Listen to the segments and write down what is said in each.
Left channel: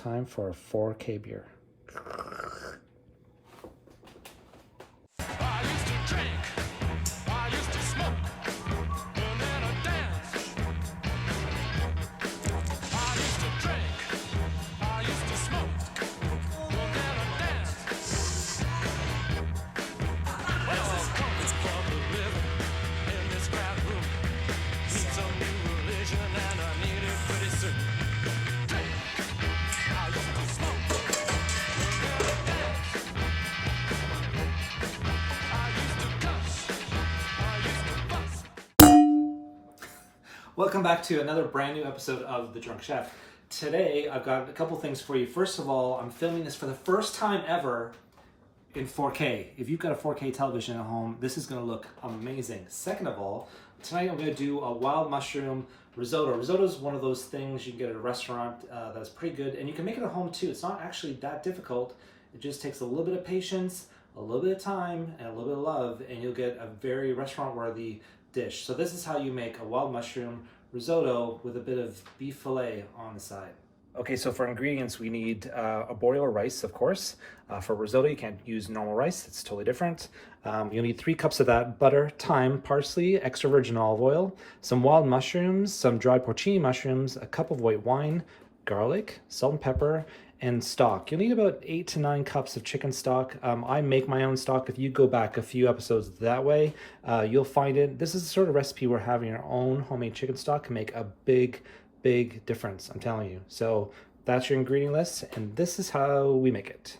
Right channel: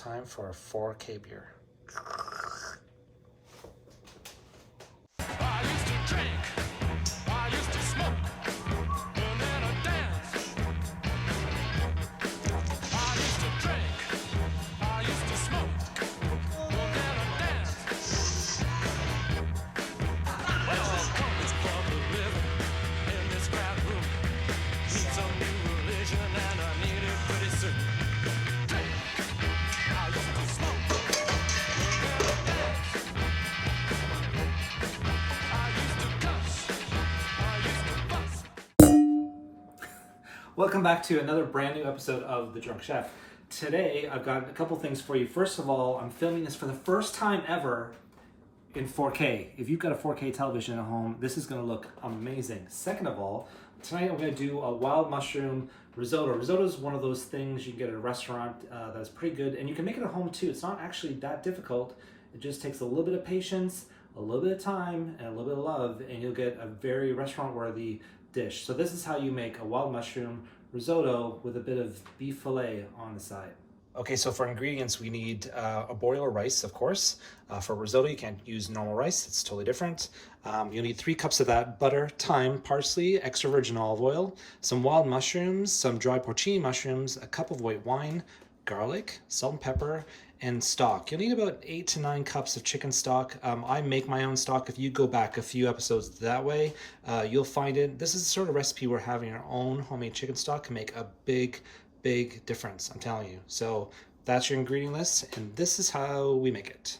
time for a 4K beer. I used to drink, I used to smoke, and then I danced. I used to drink, I used to smoke, and then I danced. Well, it's public living in this crowd room. Need some new religion, and I need it pretty soon. Drink, I used to smoke, and then I danced. Welcome back to another brand new episode of The Drunk Chef. Today, I've got a couple things for you. First of all, I'm filming this for the first time ever in 4K. If you've got a 4K television at home, this is gonna look amazing. Second of all, tonight I'm gonna do a wild mushroom risotto. Risotto is one of those things you can get at a restaurant that's pretty good, and you can make it at home too. It's not actually that difficult. It just takes a little bit of patience, a little bit of time, and a little bit of love, and you'll get a very restaurant-worthy dish. So this is how you make a wild mushroom risotto with a bit of beef fillet on the side. Okay, so for ingredients, we need a boiler rice, of course. For risotto, you can't use normal rice. It's totally different. You'll need 3 cups of that, butter, thyme, parsley, extra virgin olive oil, some wild mushrooms, some dried porcini mushrooms, a cup of white wine, garlic, salt and pepper, and stock. You'll need about 8 to 9 cups of chicken stock. I make my own stock. If you go back a few episodes that way, you'll find it. This is the sort of recipe where having your own homemade chicken stock can make a big difference, I'm telling you. So that's your ingredient list, and this is how we make it.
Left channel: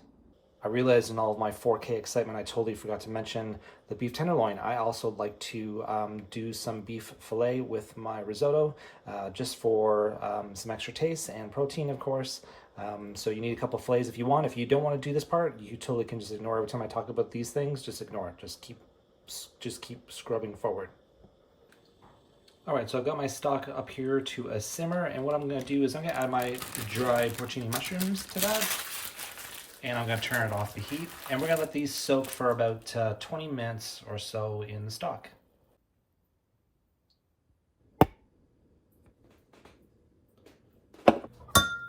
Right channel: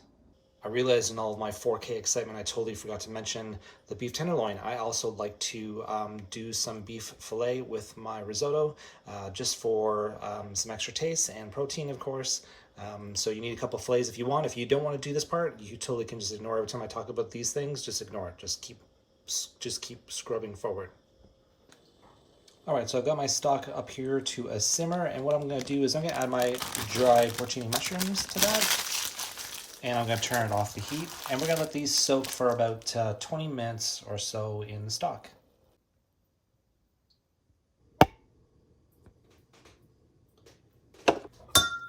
I realized in all of my 4K excitement, I totally forgot to mention the beef tenderloin. I also like to do some beef fillet with my risotto, just for some extra taste and protein, of course. So you need a couple fillets if you want. If you don't want to do this part, you totally can just ignore every time I talk about these things. Just ignore it. Just keep scrubbing forward. All right, so I've got my stock up here to a simmer, and what I'm going to do is I'm going to add my dried porcini mushrooms to that, and I'm going to turn it off the heat, and we're going to let these soak for about 20 minutes or so in the stock.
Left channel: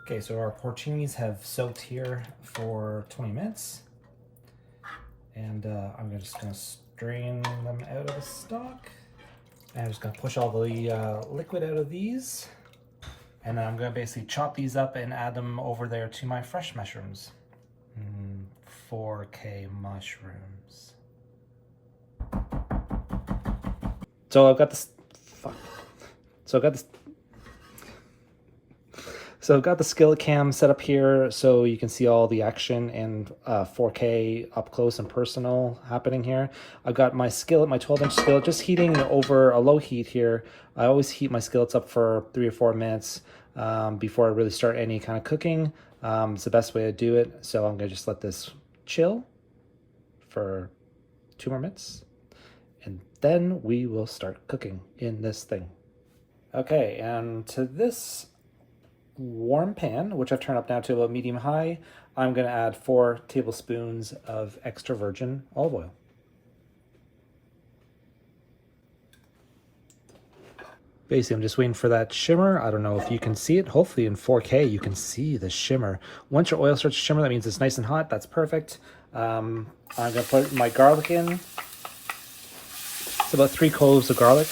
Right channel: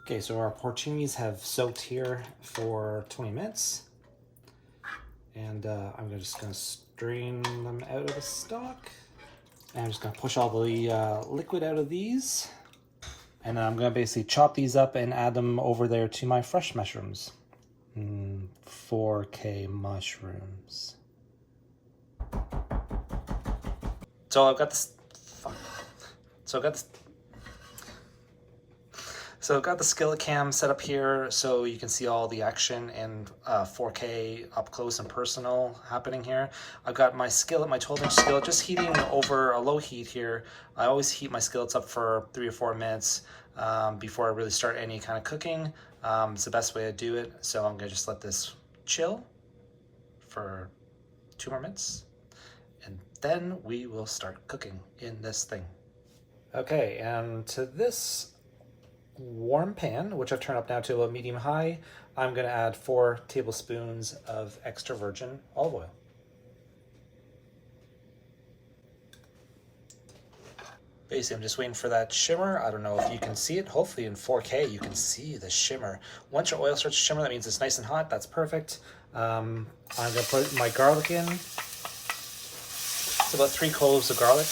Okay, so our porcinis have soaked here for 20 minutes, and I'm just going to strain them out of the stock. And I'm just going to push all the liquid out of these, and then I'm going to basically chop these up and add them over there to my fresh mushrooms. 4K mushrooms. So I've got this. So I've got the skillet cam set up here so you can see all the action and 4K up close and personal happening here. I've got my skillet, my 12-inch skillet, just heating over a low heat here. I always heat my skillets up for 3 or 4 minutes before I really start any kind of cooking. It's the best way to do it. So I'm gonna just let this chill for 2 more minutes, and then we will start cooking in this thing. Okay, and to this warm pan, which I've turned up now to about medium high, I'm going to add 4 tablespoons of extra virgin olive oil. Basically, I'm just waiting for that shimmer. I don't know if you can see it. Hopefully in 4K you can see the shimmer. Once your oil starts to shimmer, that means it's nice and hot. That's perfect. I'm going to put my garlic in. It's about 3 cloves of garlic.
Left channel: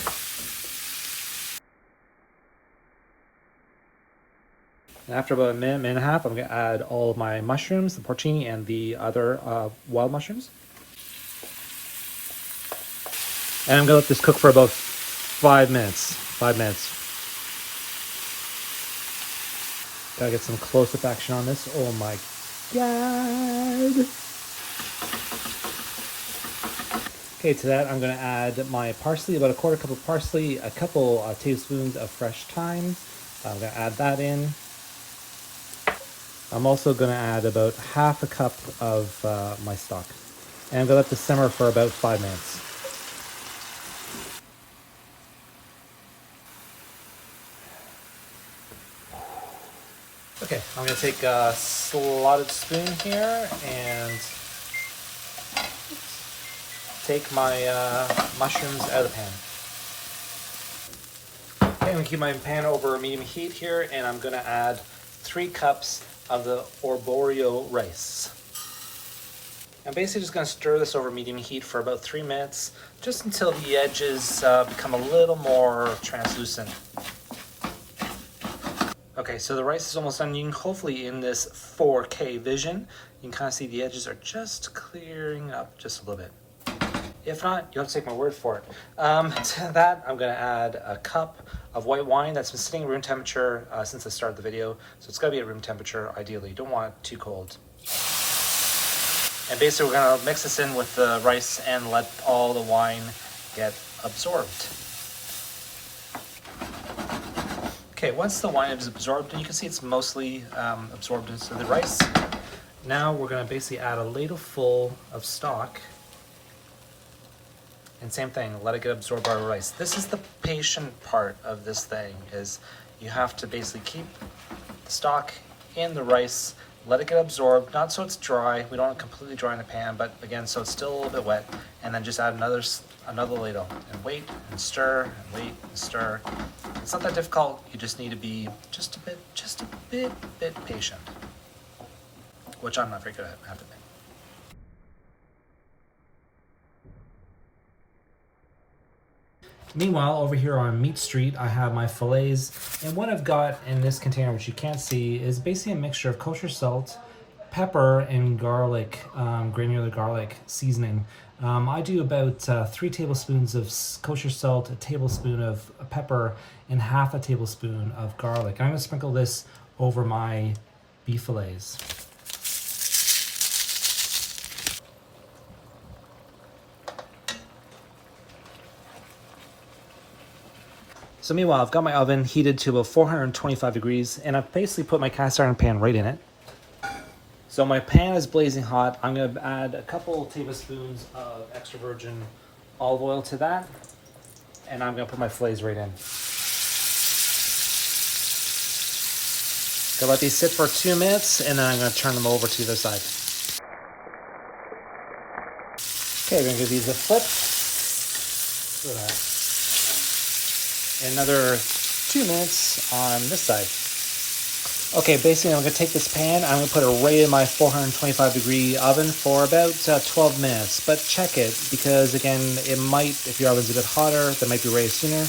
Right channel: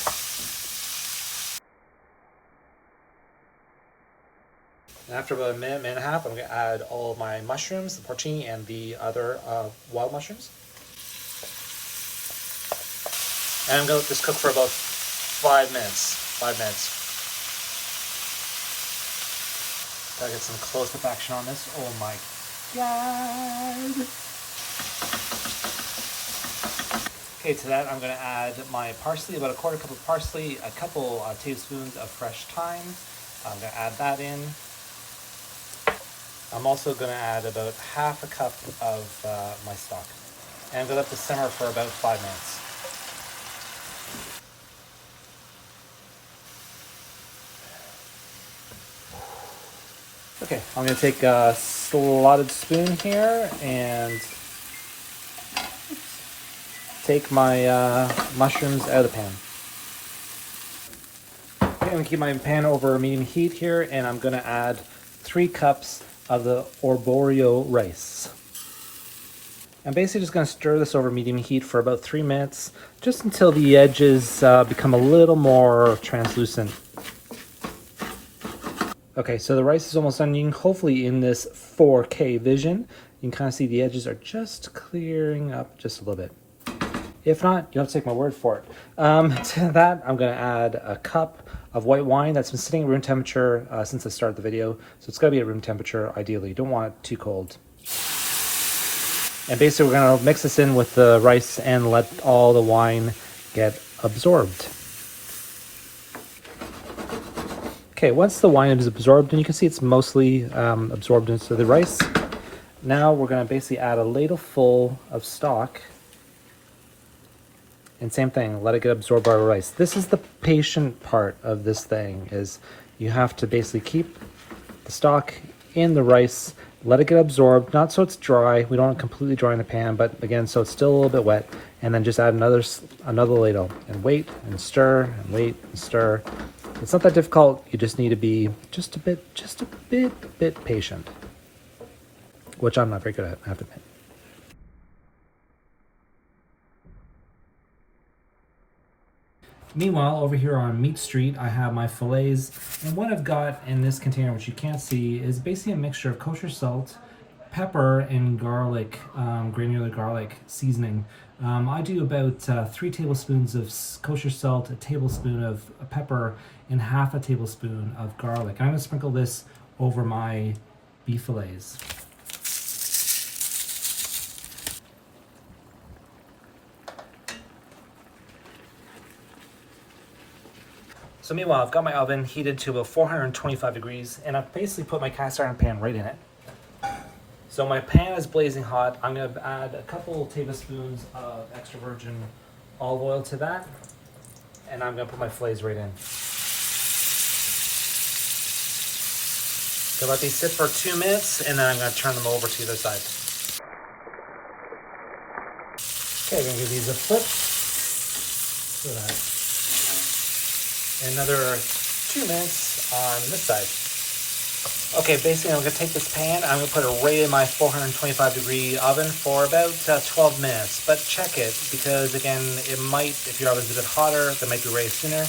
After about a minute and a half, I'm going to add all of my mushrooms, the porcini and the other wild mushrooms. And I'm going to let this cook for about 5 minutes. 5 minutes. Gotta get some close-up action on this. Oh my god! Okay, to that I'm going to add my parsley, about a 1/4 cup of parsley, a couple tablespoons of fresh thyme. I'm going to add that in. I'm also going to add about 1/2 cup of my stock. And I'm going to let this simmer for about 5 minutes. Okay, I'm going to take a slotted spoon here and take my mushrooms out of the pan. Okay, I'm going to keep my pan over medium heat here, and I'm going to add 3 cups of the arborio rice. I'm basically just going to stir this over medium heat for about 3 minutes, just until the edges become a little more translucent. Okay, so the rice is almost done. You can hopefully in this 4K vision, you can kind of see the edges are just clearing up just a little bit. If not, you'll have to take my word for it. To that, I'm going to add a cup of white wine that's been sitting at room temperature since I started the video. So it's got to be at room temperature, ideally. You don't want it too cold. And basically, we're going to mix this in with the rice and let all the wine get absorbed. Okay, once the wine is absorbed, and you can see it's mostly absorbed into the rice, now we're going to basically add a ladle full of stock. And same thing, let it get absorbed by the rice. This is the patient part of this thing, is you have to basically keep the stock in the rice, let it get absorbed, not so it's dry, we don't want it completely dry in the pan, but again, so it's still a little bit wet, and then just add another ladle, and wait, and stir, and wait, and stir. It's not that difficult, you just need to be just a bit patient. Which I'm not very good at, I have to admit. Meanwhile, over here on Meat Street, I have my fillets, and what I've got in this container, which you can't see, is basically a mixture of kosher salt, pepper, and garlic, granular garlic seasoning. I do about 3 tablespoons of kosher salt, a tablespoon of pepper, and half a tablespoon of garlic. I'm going to sprinkle this over my beef fillets. So meanwhile, I've got my oven heated to about 425 degrees, and I've basically put my cast iron pan right in it. So my pan is blazing hot. I'm going to add a couple tablespoons of extra virgin olive oil to that, and I'm going to put my fillets right in. So let these sit for 2 minutes, and then I'm going to turn them over to the other side. Okay, we're going to give these a flip. Look at that. Another 2 minutes on this side. Okay, basically I'm going to take this pan, I'm going to put it right in my 425 degree oven for about 12 minutes. But check it, because again, it might, if your oven's a bit hotter, that might be ready sooner.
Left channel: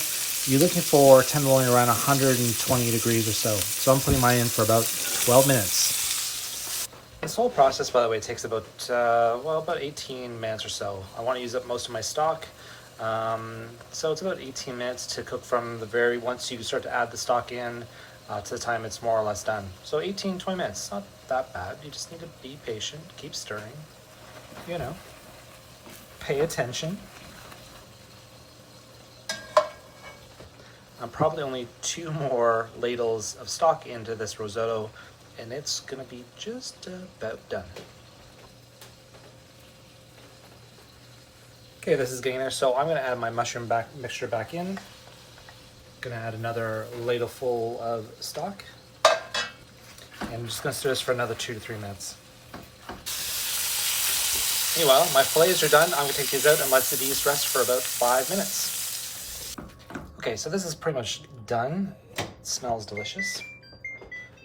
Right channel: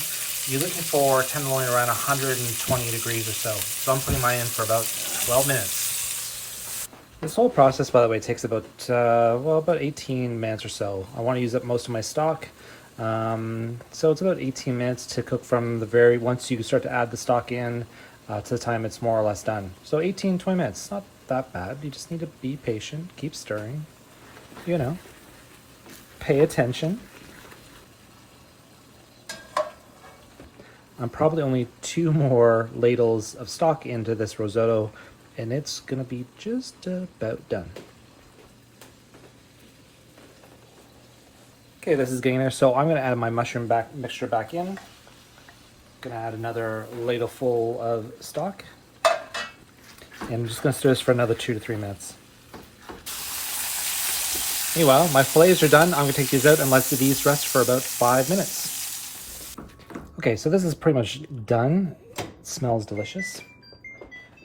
You're looking for tenderloin around 120 degrees or so. So I'm putting mine in for about 12 minutes. This whole process, by the way, takes about, about 18 minutes or so. I want to use up most of my stock. So it's about 18 minutes to cook from the once you start to add the stock in to the time it's more or less done. So 18-20 minutes, not that bad. You just need to be patient, keep stirring, you know, pay attention. I'm probably only 2 more ladles of stock into this risotto, and it's gonna be just about done. Okay, this is getting there, so I'm going to add my mushroom mixture back in. Going to add another ladle full of stock. And I'm just going to stir this for another 2 to 3 minutes. Meanwhile, my fillets are done. I'm going to take these out and let these rest for about 5 minutes. Okay, so this is pretty much done. It smells delicious.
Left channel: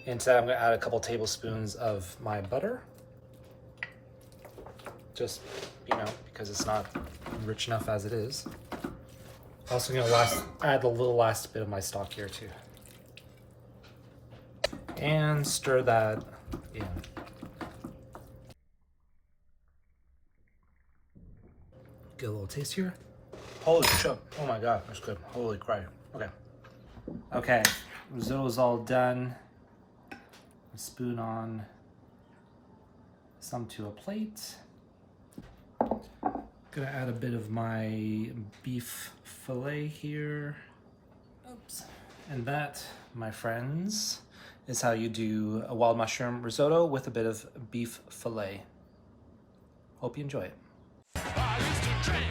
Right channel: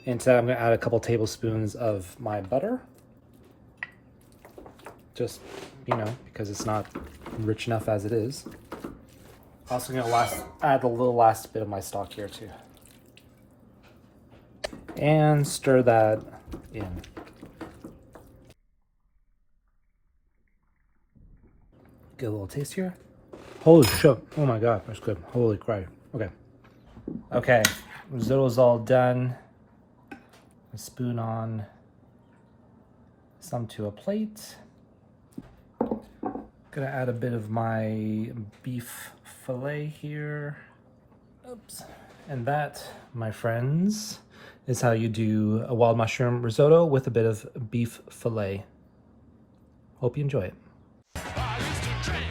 And to that, I'm going to add a couple tablespoons of my butter. Just, you know, because it's not rich enough as it is. Also going to add the last bit of my stock here too. And stir that in. Get a little taste here. Holy shit. Oh my god, that's good. Holy crap. Okay. Okay, risotto's all done. A spoon on some to a plate. Gonna add a bit of my beef fillet here. Oops. And that, my friends, is how you do a wild mushroom risotto with a bit of beef fillet. Hope you enjoy it. I used to drink